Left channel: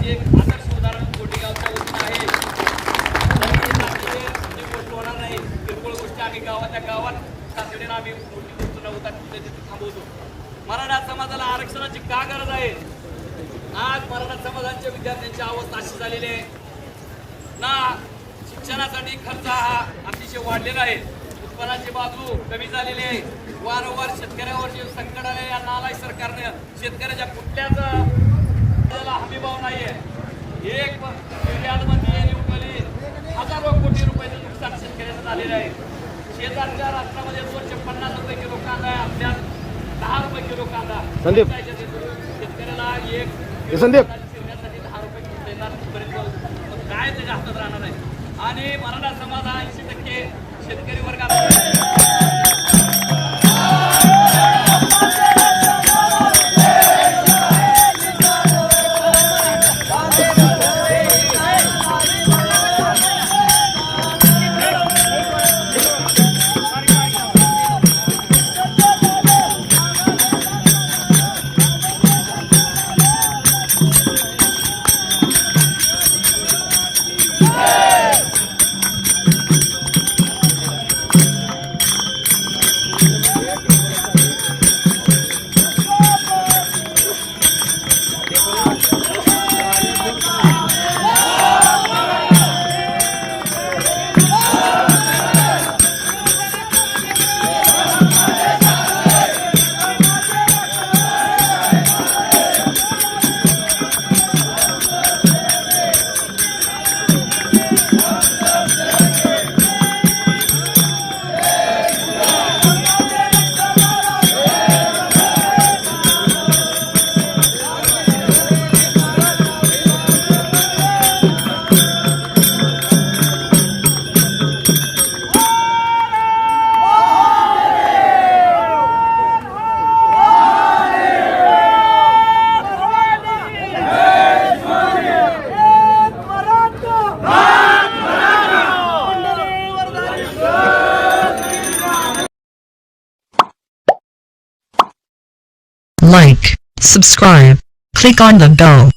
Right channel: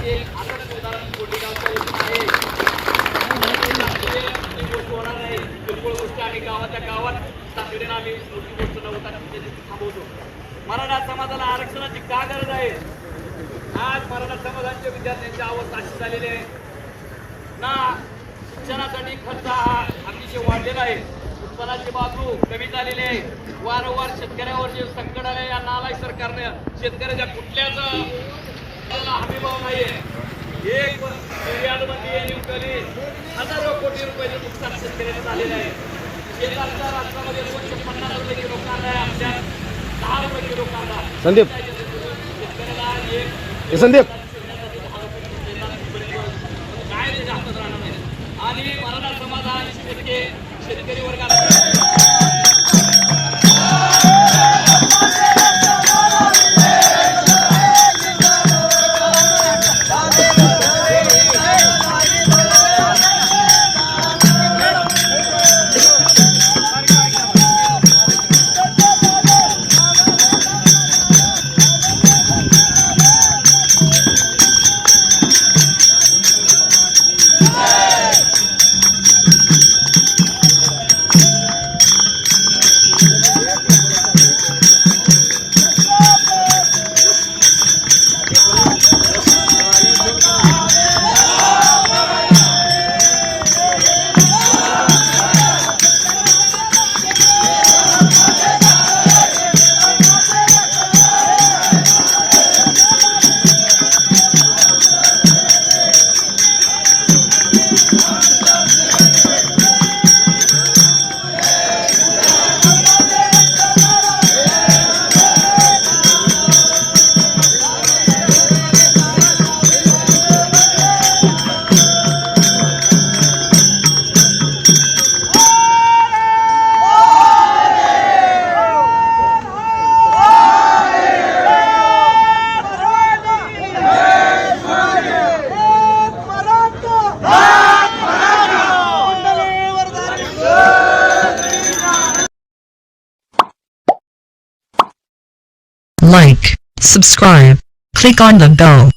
माझे आदर्श उदाहरण कोटेगावचं वचन आहे. म्हणजे गोष्ट होणार नाही. किरकोळ गोष्टी आम्ही गावाच्या गावात तातडीनं आम्ही मोठी गोष्ट होता त्याची थांबवतो. मराठा समाजाला आरक्षणाची का गरज आहे? आज मराठा समाजाच्या विद्यार्थ्यांची अवस्था अशी झालेली आहे ना, शिक्षणासाठी खर्च हा अतिशय वाढलेला आहे. उत्पन्नाची बाजू कमी झालेली आहे. वारंवार शेतकऱ्यावर जे संकट आले या नालायक सरकारने शेतकऱ्याच्या कुठल्याच हमीभाव नाहीये. एक निर्यातबंदी उठवली, हजारो कोटी रुपयाचं नुकसान शेतकऱ्याचं झालेलं आहे. शेतातल्या राष्ट्रामध्ये 250 रुपये किलो कांदा आहे, आपल्या 10 रुपये किलो कांदा. संदीप शेतकऱ्याला एक संदीप 10 रुपये किलो देतात, काय त्याच्या हातात राहणार नाही. आणि मराठा समाज हा 80% शेतकरी वर्गाला like, subscribe, click on the bell.